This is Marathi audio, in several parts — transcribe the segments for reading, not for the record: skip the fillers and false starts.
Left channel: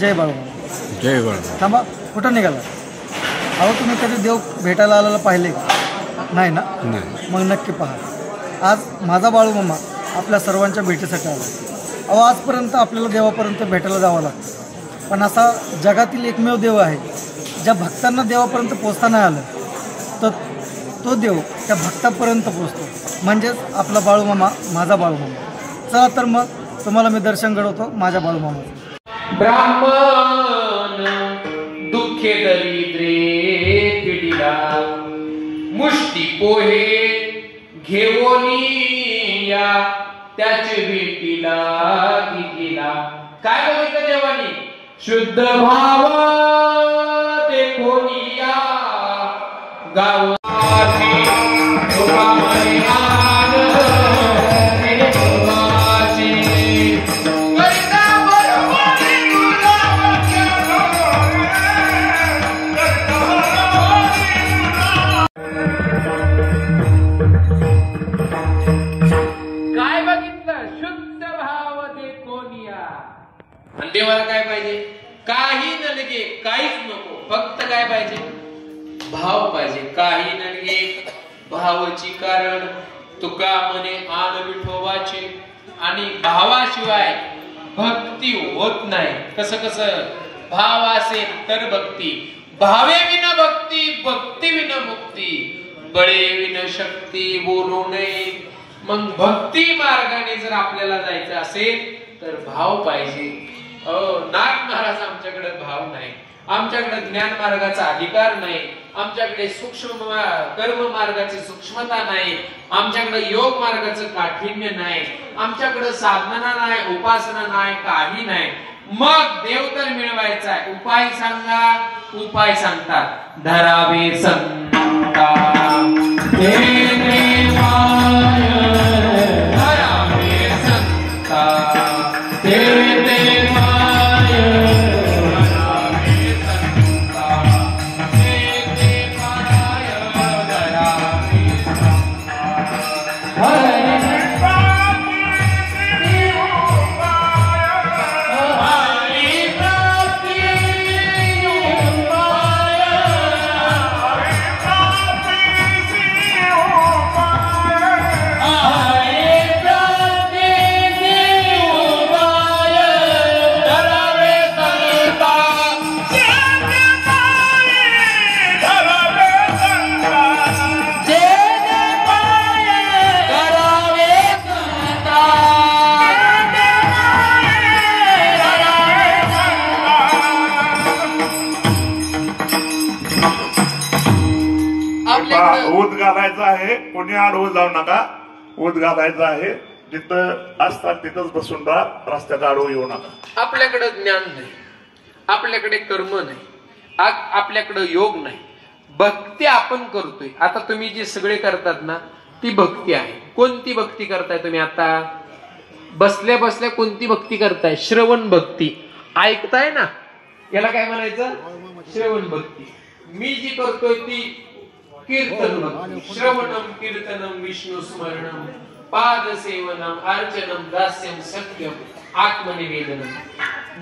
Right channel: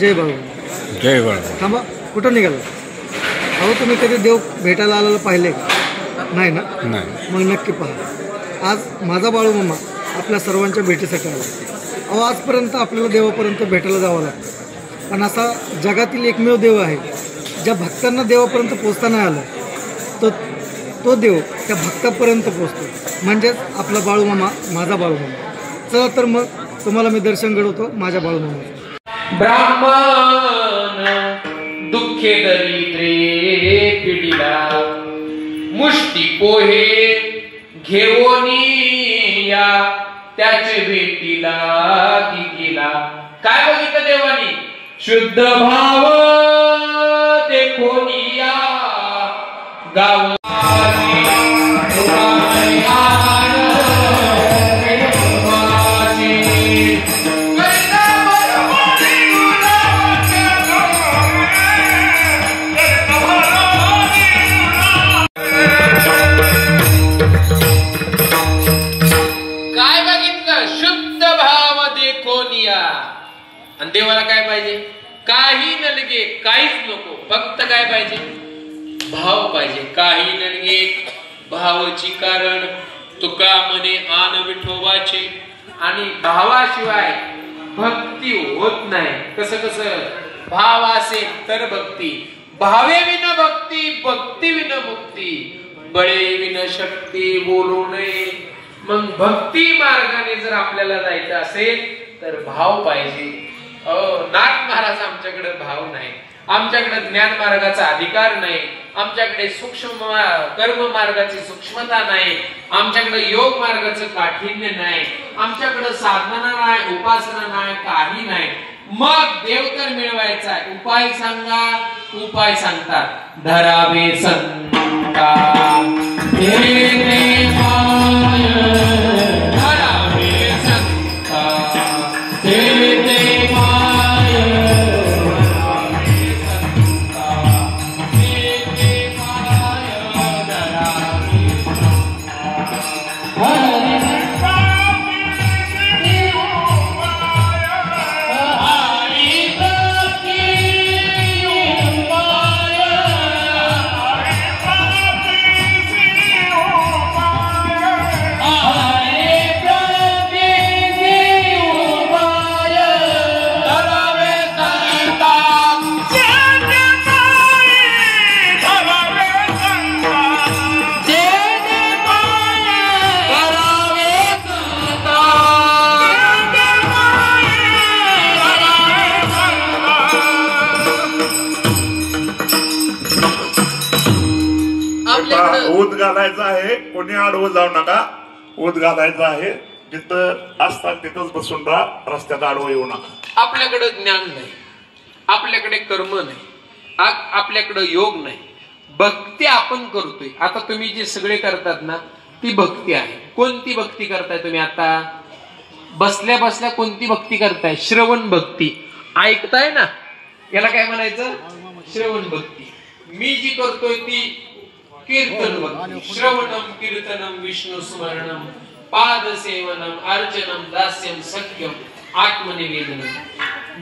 जय बाळूमामा. जय बाळूमामा. थांबा, कुठं निघाला? अहो तुम्ही कधी देव भेटायला आलेला पाहिले नाही ना? नाही. मग नक्की पहा. आज माझा बाळूमामा आपल्या सर्वांच्या भेटीसाठी आला. अहो आजपर्यंत आपल्याला देवापर्यंत भेटायला जावं लागतं, पण असा जगातील एकमेव देव आहे ज्या भक्तांना देवापर्यंत पोचता नाही आलं तर तो देव त्या भक्तापर्यंत पोचतो, म्हणजेच आपला बाळूमामा, माझा बाळूमामा. चला तर मग तुम्हाला मी दर्शन घडवतो माझ्या बाळूमामा. ब्राह्मण दुःखे दरिद्रे पिढीला मुष्टी पोहे घेऊनी या त्याचे भेटीला की केला. काय बघितलं देवानी? शुद्ध भाव ते कोणी या गाव देवाला काय पाहिजे? काही नलगे, काहीच नको, फक्त काय पाहिजे? भाव पाहिजे. काही नलगे भावाची कारण तुका मने आन विठोबाचे. आणि भावाशिवाय भक्ती होत नाही. कसं कसं? भाव असेल तर भक्ती. भावे विना भक्ती, भक्ती विना मुक्ती. बळे विना शक्ती बोलू नये. मग भक्ती मार्गाने जर आपल्याला जायचं असेल तर भाव पाहिजे. नाथ महाराज आमच्याकडे भाव नाही, आमच्याकडे ज्ञान मार्गाचा अधिकार नाही, आमच्याकडे सूक्ष्म कर्म मार्गाची सूक्ष्मता नाही, आमच्याकडे योग मार्गाचं काठिण्य नाही, आमच्याकडे साधना नाही, उपासना नाही, काही नाही. मग देव तर मिळवायचा. उपाय सांगा. उपाय सांगतात. धरावे संता ऊत घालायचा आहे. कोणी आडवं जाऊ नका. ऊत घालायचा आहे. जिथं असतात तिथंच बसून राहा. रस्त्यात आडवं येऊ नका. आपल्याकडे ज्ञान नाही, आपल्याकडे कर्म नाही, आपल्याकडे योग नाही. भक्ती आपण करतोय. आता तुम्ही जे सगळे करतात ना ती भक्ती आहे. कोणती भक्ती करताय तुम्ही? आता बसल्या बसल्या कोणती भक्ती करताय? श्रवण भक्ती. ऐकताय ना, याला काय म्हणायचं? श्रवण भक्ती. मी जी करतोय ती कीर्तन भक्ती. श्रवणम कीर्तनम विष्णू स्मरणम पाद सेवनम अर्चनम दास्यम सत्यम आत्मनिवेदनम.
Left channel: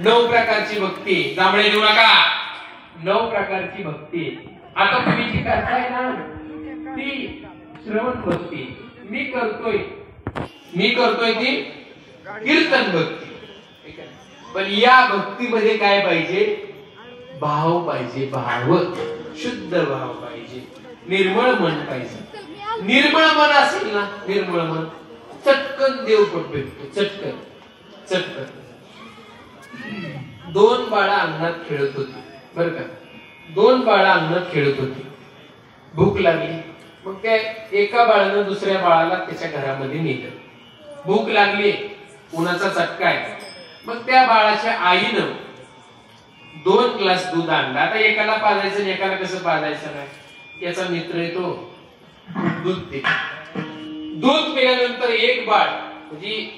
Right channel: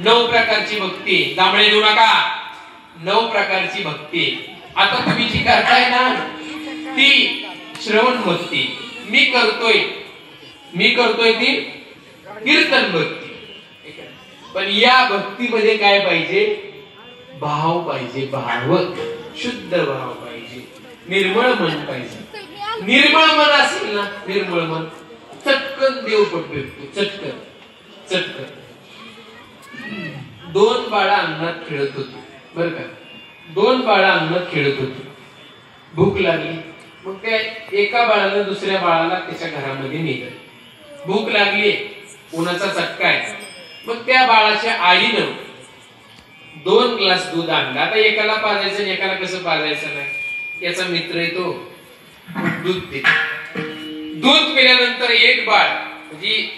9 प्रकारची भक्ती. दामडे देऊ नका. 9 प्रकारची भक्ती. आता तुम्ही जी करताय ना ती श्रवण भक्ती. मी करतोय ती कीर्तन भक्ती. पण या भक्तीमध्ये काय पाहिजे? भाव पाहिजे. भाव, शुद्ध भाव पाहिजे. निर्मळ मन पाहिजे. निर्मळ मन असेल ना, निर्मळ मन, चटकन देव भेटतो. चटकन चटकन. 2 बाळा अंगणात खेळत होती बर का. 2 बाळा अंगणात खेळत होती. भूक लागली. मग त्या एका बाळानं दुसऱ्या बाळाला त्याच्या घरामध्ये नेलं. भूक लागली, उन्हाचा चटका आहे. मग त्या बाळाच्या आईनं 2 ग्लास दूध आणला. आता एकाला पाजायचं आणि एकाला कसं पाजायचं नाही. याचा मित्र येतो, दूध पितो. दूध पिल्यानंतर एक बाळ, म्हणजे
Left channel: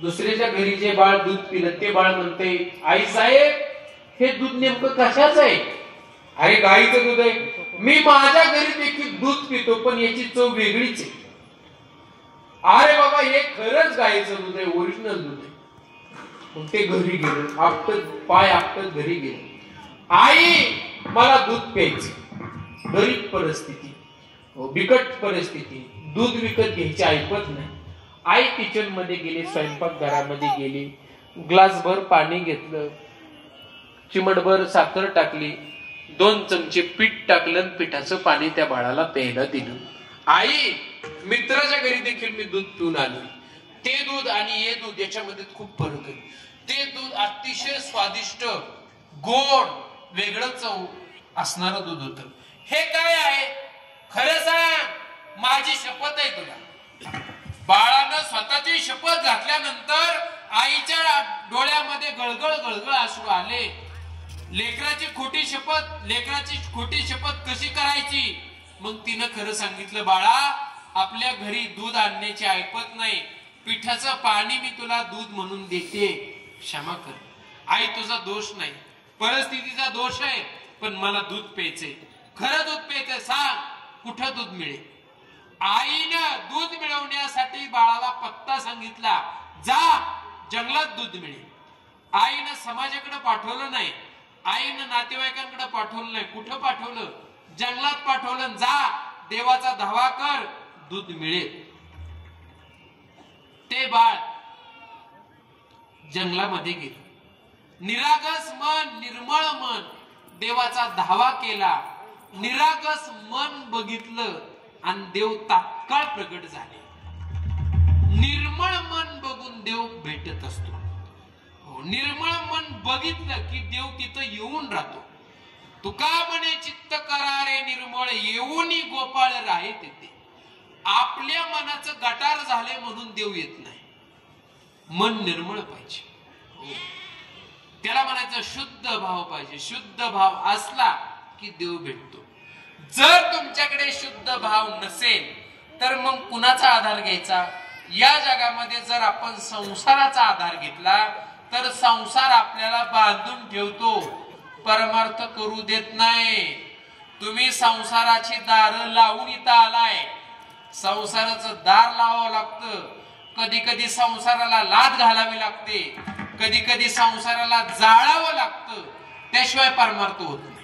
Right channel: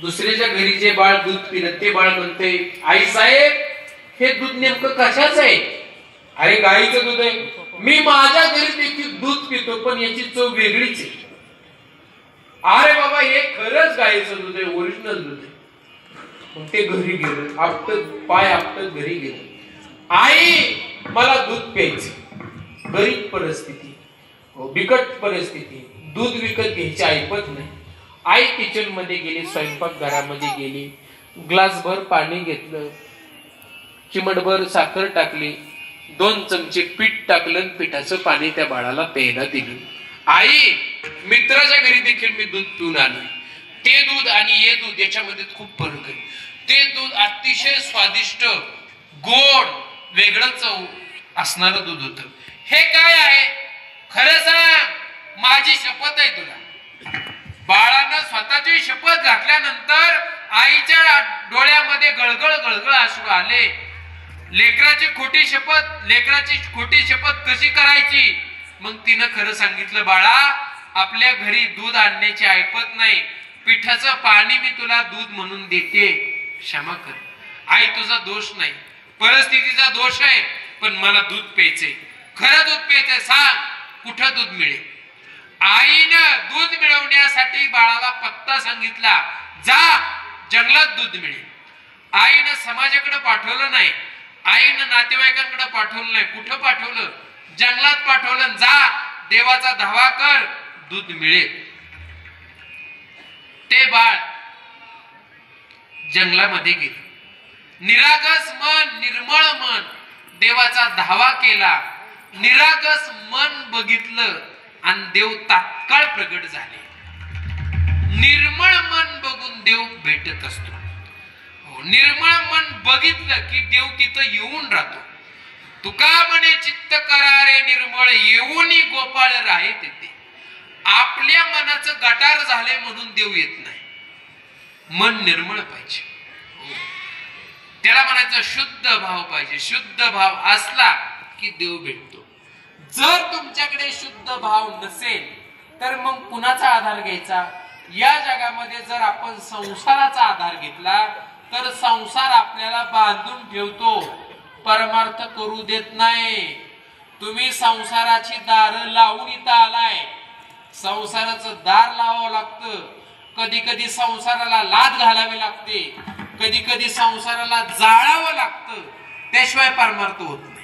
दुसऱ्याच्या घरी जे बाळ दूध पिलं ते बाळ म्हणते, आई साहेब हे दूध नेमकं कशाच आहे? अरे गाईचं दूध आहे. मी माझ्या घरी देखील दूध पितो पण याची चव वेगळीच आहे. अरे बाबा हे खरंच गाईचं दूध आहे, ओरिजिनल दूध आहे. मग ते घरी गेलो, आपटत पाय आपटत घरी गेलो. आई मला दूध प्यायचं. गरीब परिस्थिती, बिकट परिस्थिती, दूध विकत घ्यायची ऐपत नाही. आई किचन मध्ये गेली, स्वयंपाक घरामध्ये गेली, ग्लासभर पाणी घेतलं, चिमटभर साखर टाकली, 2 चमचे पीठ टाकलं, पिठाचं पाणी त्या बाळाला प्यायला दिलं. आई मित्राच्या घरी देखील मी दूध पिऊन आलो. ते दूध आणि हे दूध याच्यामध्ये खूप फरक आहे. ते दूध अतिशय स्वादिष्ट, गोड, वेगळं चव असणारं दूध होतं. हे काय आहे खरं सांग, माझी शपथ आहे तुला. बाळानं स्वतःची शपथ घातल्यानंतर आईच्या डोळ्यामध्ये गळगळ गळगळ अश्रू आले. लेकराची खोटी शपथ कशी करायची? मग तिनं खरं सांगितलं, बाळा आपल्या घरी दूध आणण्याची ऐपत नाही, पिठाचं पाणी मी तुला दूध म्हणून देते, क्षमा कर. आई तुझा दोष नाही, परिस्थितीचा दोष आहे, पण मला दूध प्यायचंय. खरं दूध प्यायचंय, सांग कुठं दूध मिळेल? आईनं दूध मिळवण्यासाठी बाळाला पत्ता सांगितला, जा जंगलात दूध मिळेल. आईनं समाजाकडे पाठवलं नाही, आईनं नातेवाईकांकडे पाठवलं नाही. कुठं पाठवलं? जंगलात पाठवलं. जा देवाचा धावा कर, दूध मिळेल. ते बाळ जंगलामध्ये गेलं. निरागस मन, निर्मळ मन, देवाचा धावा केला. निरागस मन बघितलं आणि देव तात्काळ प्रगट झाले. निर्मळ मन बघून देव भेटत असतो. निर्मळ मन बघितलं की देव तिथं येऊन राहतो. तुका म्हणे चित्त करारे निर्मळ, येऊनी गोपाळ राहे तिथे. आपल्या मनाचं गटार झाले म्हणून देव येत नाही. मन निर्मळ पाहिजे, त्याला म्हणायचं शुद्ध भाव पाहिजे. शुद्ध भाव असला की देव भेटतो. जर तुमच्याकडे शुद्ध भाव नसेल तर मग कुणाचा आधार घ्यायचा? या जगामध्ये जर आपण संसाराचा आधार घेतला तर संसार आपल्याला बांधून ठेवतो, परमार्थ करू देत नाही. तुम्ही संसाराची दार लावून इथं आलाय. संसाराचं दार लावावं लागतं. कधी कधी संसाराला लाद घालावी लागते, कधी कधी संसाराला जाळावं लागतं, त्याशिवाय परमार्थ होत नाही.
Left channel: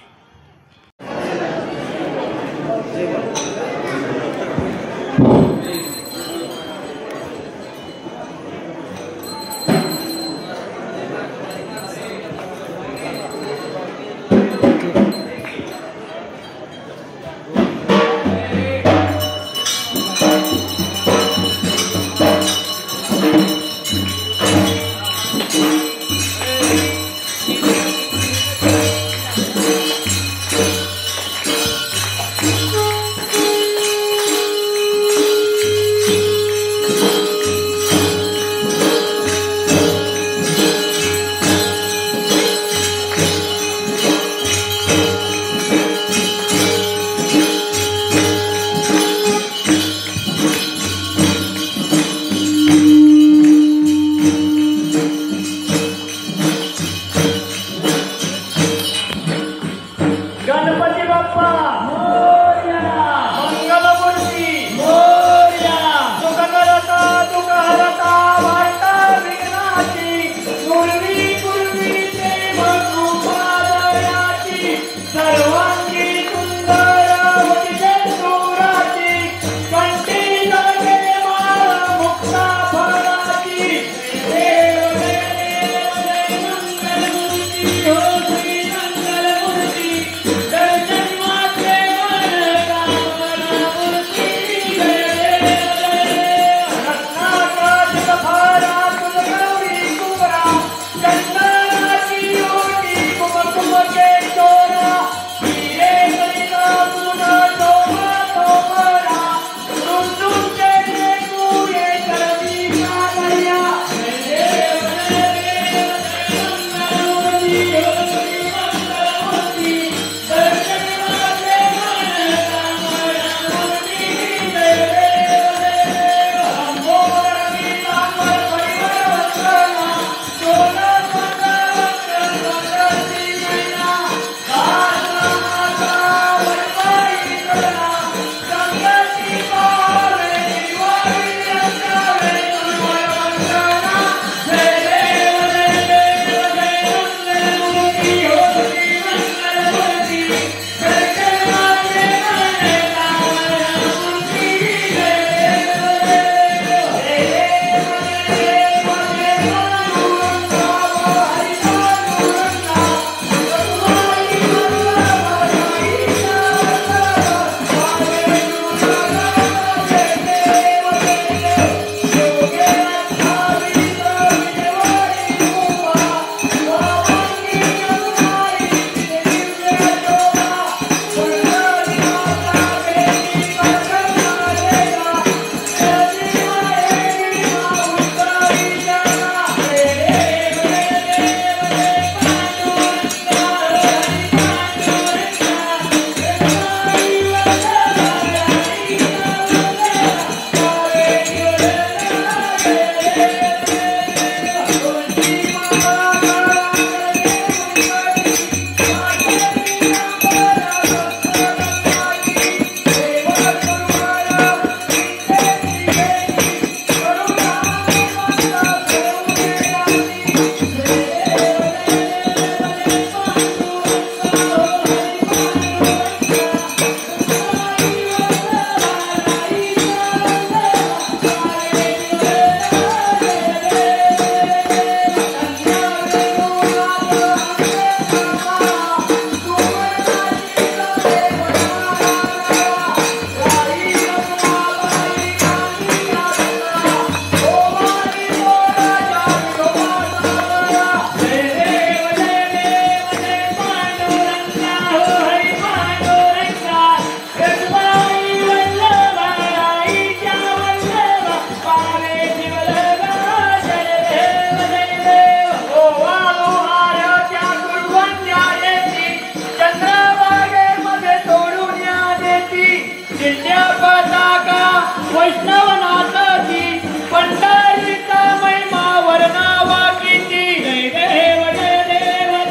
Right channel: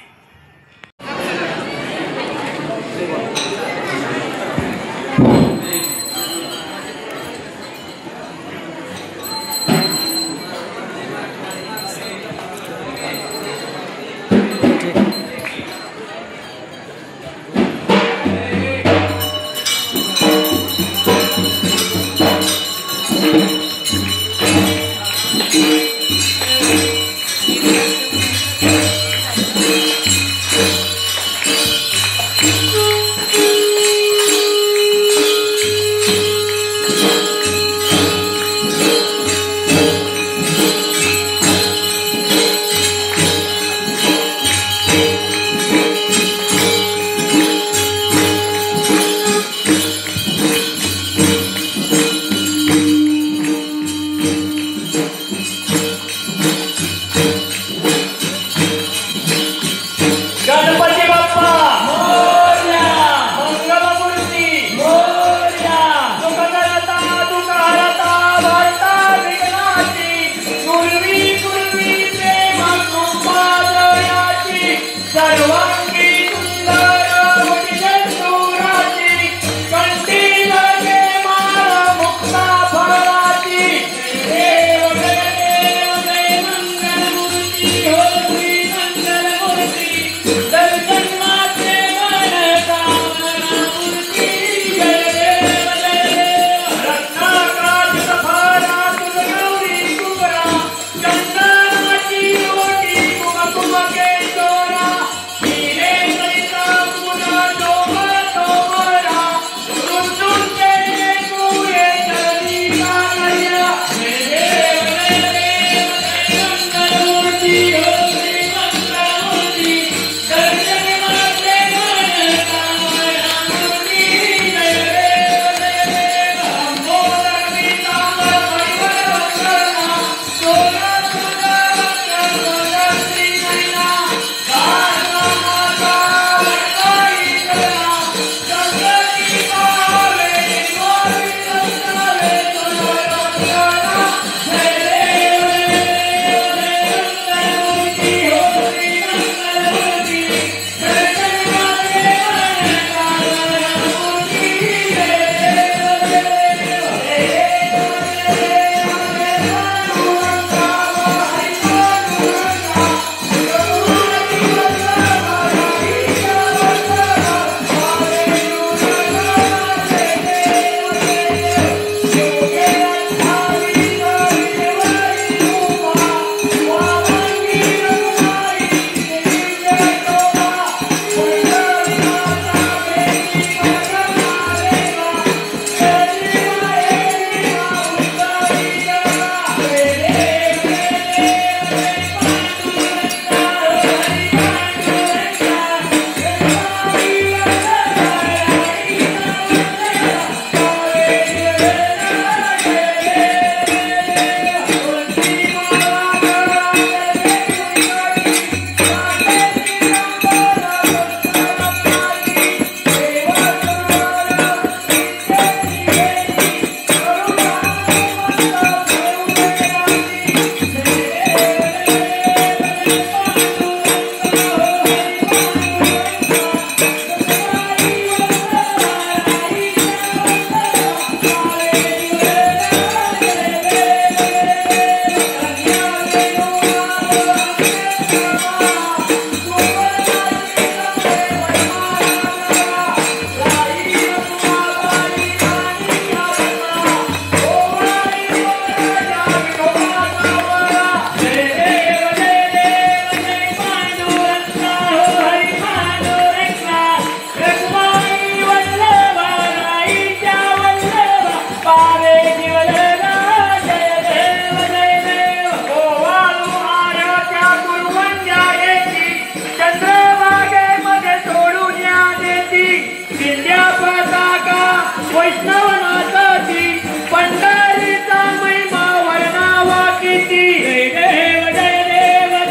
वैष्णवनाथाची पंढरीचा महिमा वर्णावा किती जय देव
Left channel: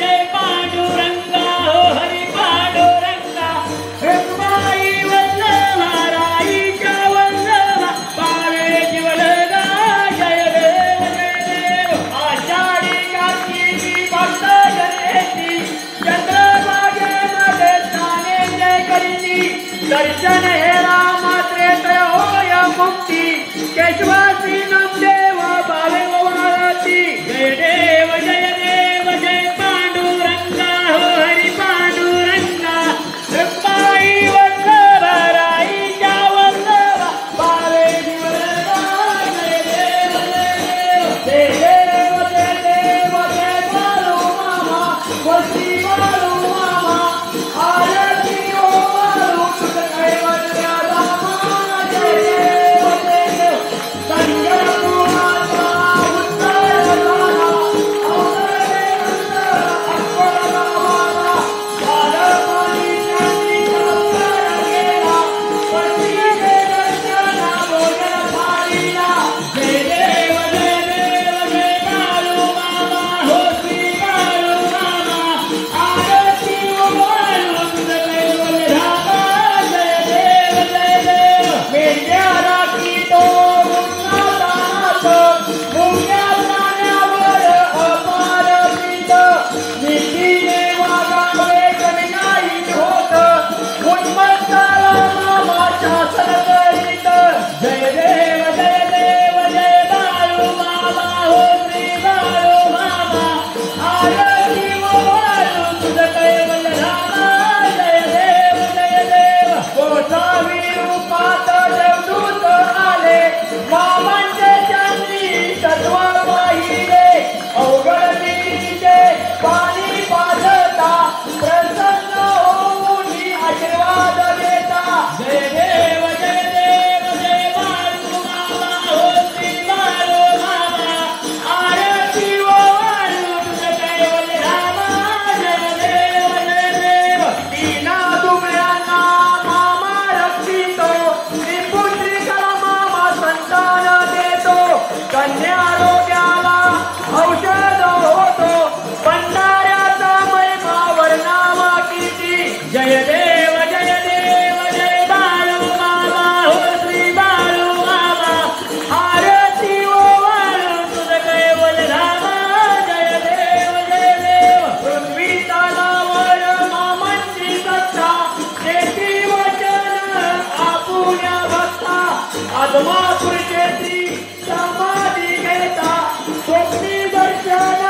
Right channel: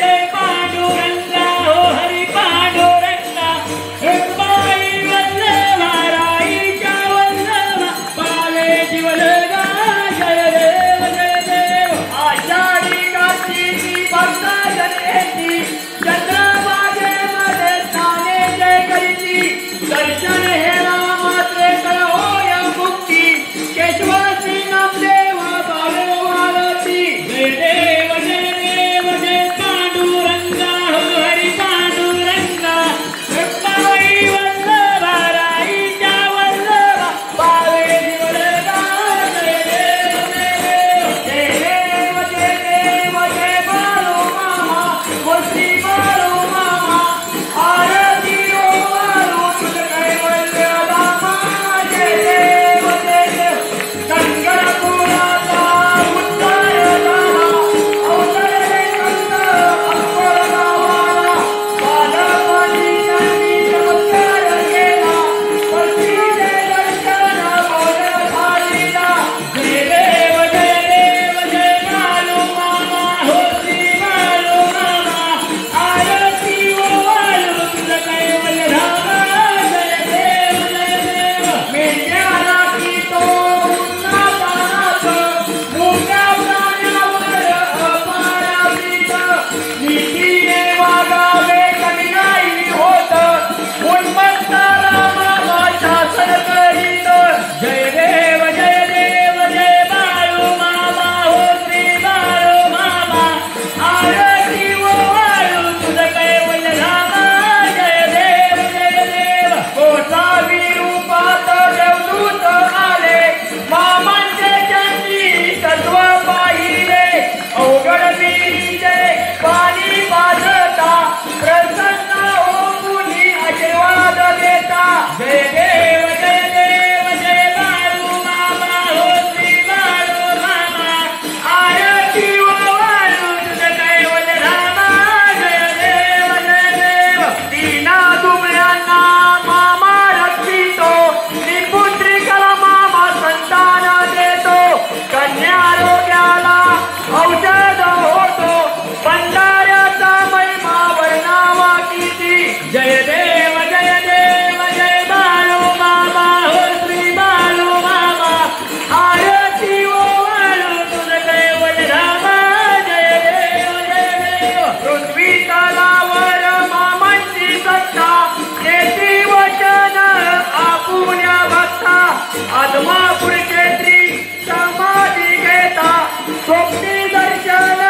जय पांडुरंगा हो हरी पांडुरंगा रुक्माई वल्लभा राईच्या वल्लभा पावे जीवलगा जय देव आषाढी कार्तिकी भक्त जनेची चंद्रभागेमध्ये स्नाने जय करीती दर्शन हे रामात्रे होया मुक्ती केशवासी नामदेव भावे वारती जय देव जय पांडुरंगा हो हरी पांडुरंगा रुक्माई वल्लभा राईच्या वल्लभा पावे जीवलगा जय देव जय बाळू मामा वस्ती बाळू मामा आरती ओ बाळू तुझ्याकडे वल्लभा जय देव संगपुराचा उद्धार झाला अवतरले अक्कल गावाला बालपणींनी नमस्कार केला पतीचे दर्शन बोल झालीला जय देव जय बाळू मामा हो श्री बाळू मामा आरती ओ बाळू तुझ्याकडे वल्लभा जय देव मेंढ्याला की तो उन्हातानात मुक्या प्राण्यावर अपार प्रीत नीतीने वागावे कधी नाही होत उन्मत्ताला मामाच्या सडकरीत जय देव जय बाळू मामा हो श्री बाळू मामा आरती ओ बाळू तुझ्याकडे वल्लभा जय देव कोसावी रूपात देवदूत आले मामांचे त्यांनी तत्व पाहिले अवघड विहिरीचे पाणी पाजता प्रसन्न होऊन आशीर्वाद देता जय देव जय बाळू मामा हो श्री बाळू मामा आरती ओ बाळू तुझ्याकडे वल्लभा जय देव दीना दुबळ्यांना मामा रक्षितो त्रिपुत्रिका मामा संतान देतो कन्या रोग्याला औषध होतो भंडाऱ्याचा महिमा वर्णावा किती जय देव जय बाळू मामा हो श्री बाळू मामा आरती ओ बाळू तुझ्याकडे वल्लभा जय देव पृथ्वी तलावर मामांची सत्ता केत्री वचन आपुल्या भक्ता आदमापूर केत्री समाधी घेता सोपी दर्शन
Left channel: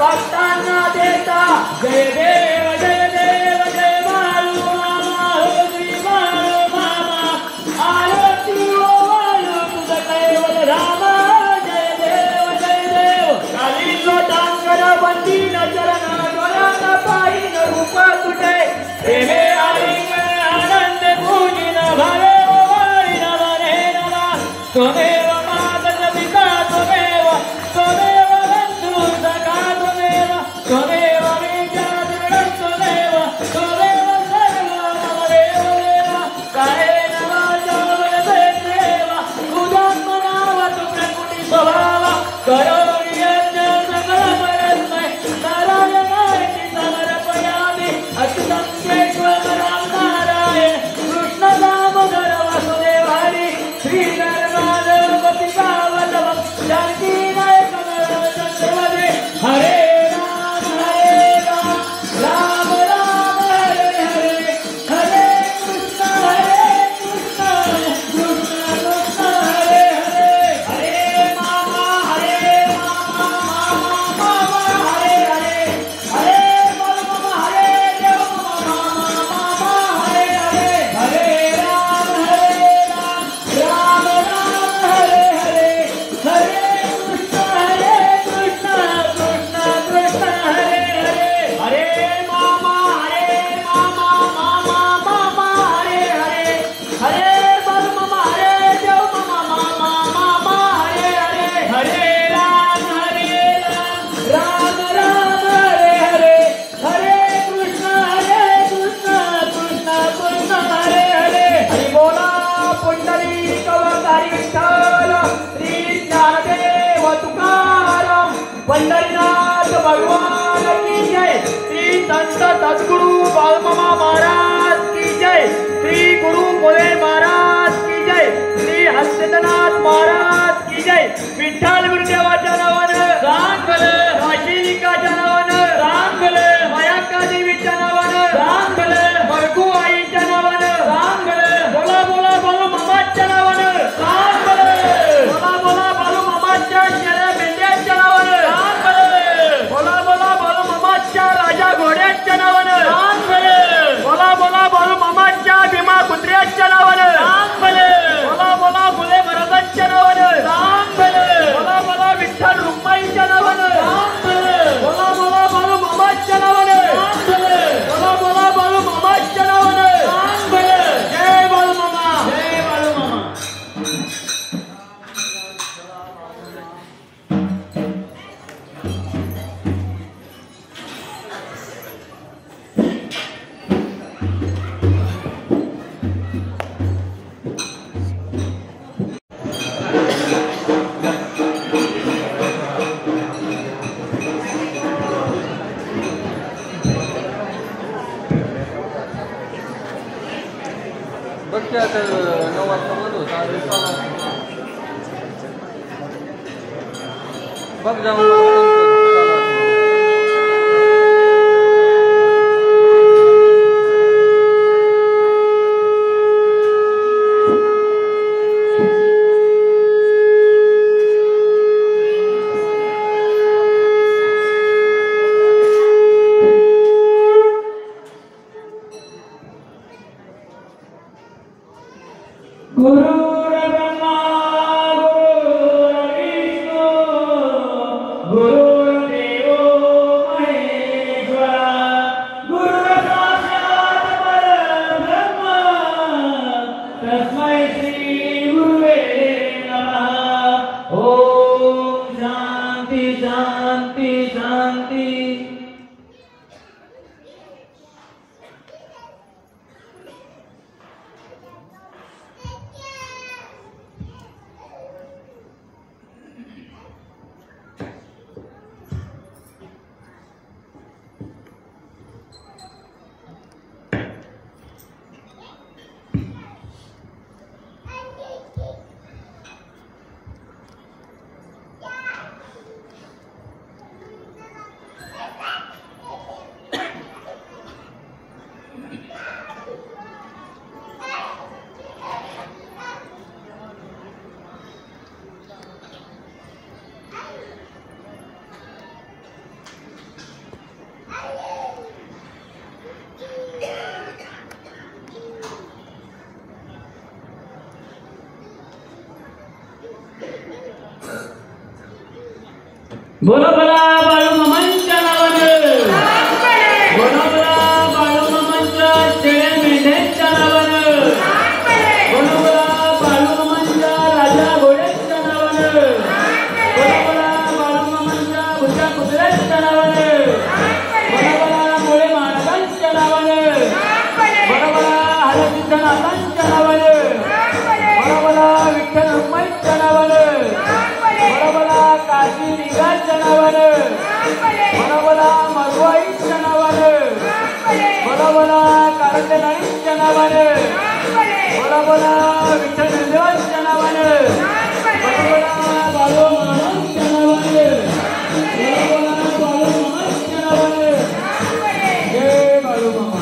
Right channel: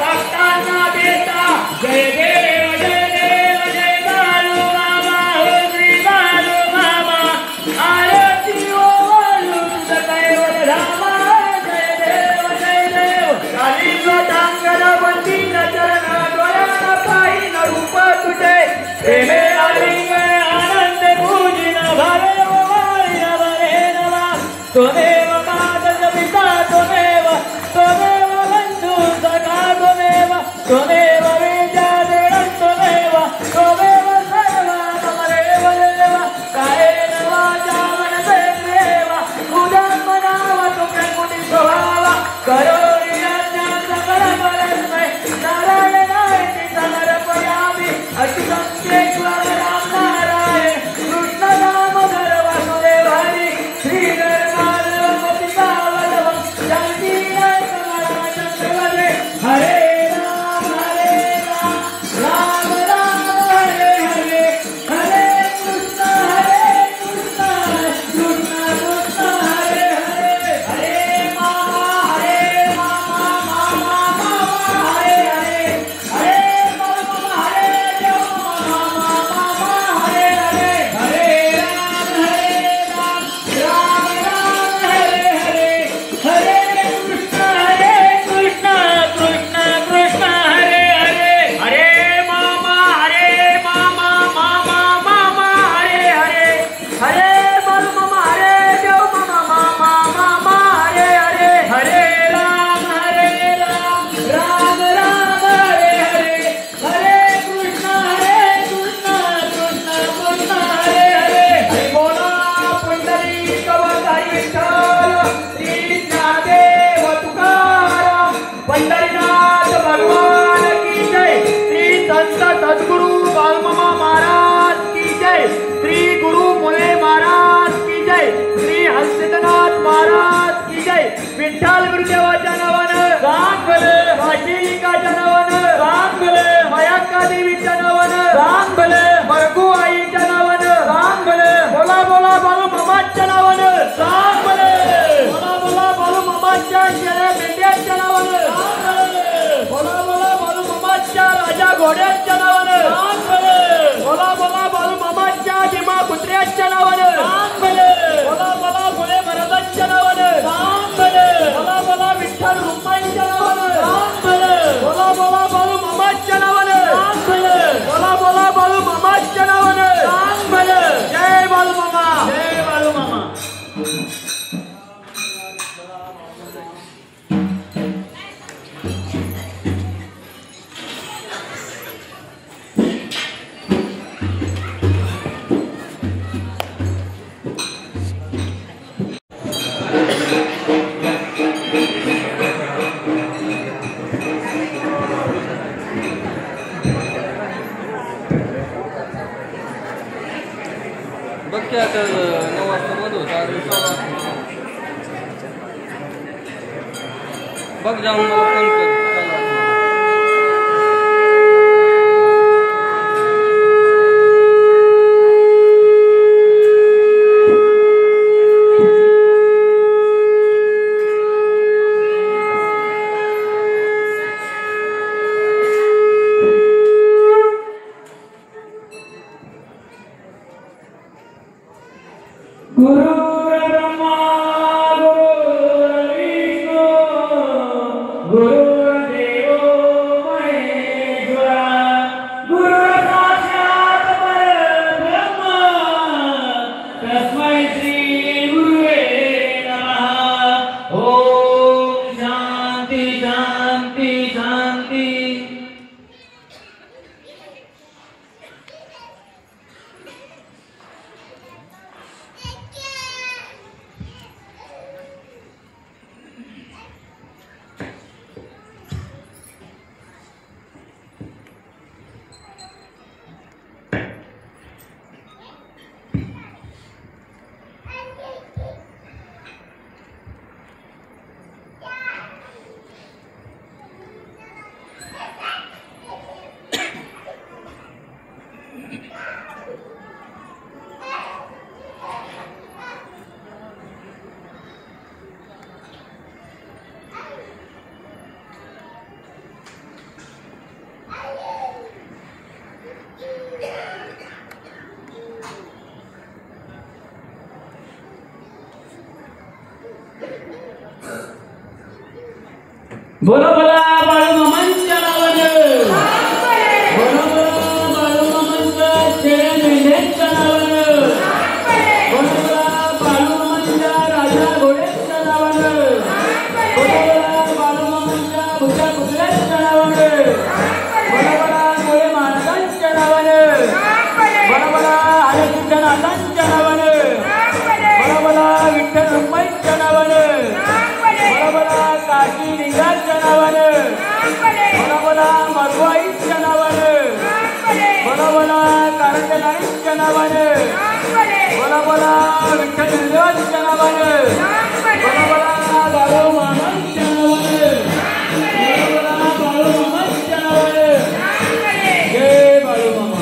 भक्तांना देता जय देव जय बाळू मामा हो श्री बाळू मामा आरती ओ बाळू तुझ्याकडे वल्लभा जय देव काली डांगर बंदीन चरण डोळ्यानं पाहिन रूप तुझे प्रेमे आलिंग आनंद पूजिन भालो वाळीन वरेनवा त्वमेव कागद पिता त्वमेव बंधू सखा त्वमेव वेद्या देवं त्वमेव सर्वा ममदेव देव कायेन वाचा मनसेनैव उदात्मनाव तुभ्यं स्वभाव करोमि यज्ञं सकलमस्मै नारायणाय समर्पयामि अच्युतं केशवं राम नारायण कृष्ण दामोदर वासुदेव हरि श्रीधर माधव घोड्याच्या नावानं बोला बोला बाळू मामाच्या भीमा कुत्र्याच्या नावानं बोला बोला फुले भरताच्या नावानं बोला बोला विठ्ठल रुक्माईच्या नावानं बोला बोला बाळू मामाच्या नावानं बोला बोला बाळू मामाच्या नावानं जय बाळू मामा जय बाळू मामा. बघ जाऊन बोला बोला बाळू मामांच्या नावानं बोला बोला बाळू मामांच्या शेळ्या मेंढ्यांच्या नावानं बोला बोला बाळू मामांच्या राजा घोड्यांच्या नावानं बोला बोला बाळू मामांच्या भुजा कुत्र्याच्या नावानं बोला बोला मुळे महाराजांच्या नावानं बोला बोला हरसिद्ध नाथांच्या नावानं बोला बोला विठ्ठल रुक्माईच्या नावानं बोला बोला काशी लिंगाच्या नावानं बोला बोला मधुआईच्या नावानं बोला बोला कारंजनाईच्या नावानं बोला बोला विठ्ठल देवाच्या नावानं बोला बोला बाळू मामांच्या नावानं बोला बोला बाळू मामांच्या नावानं जय बाळू मामा.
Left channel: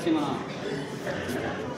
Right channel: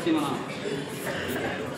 साक्षी म्हणा.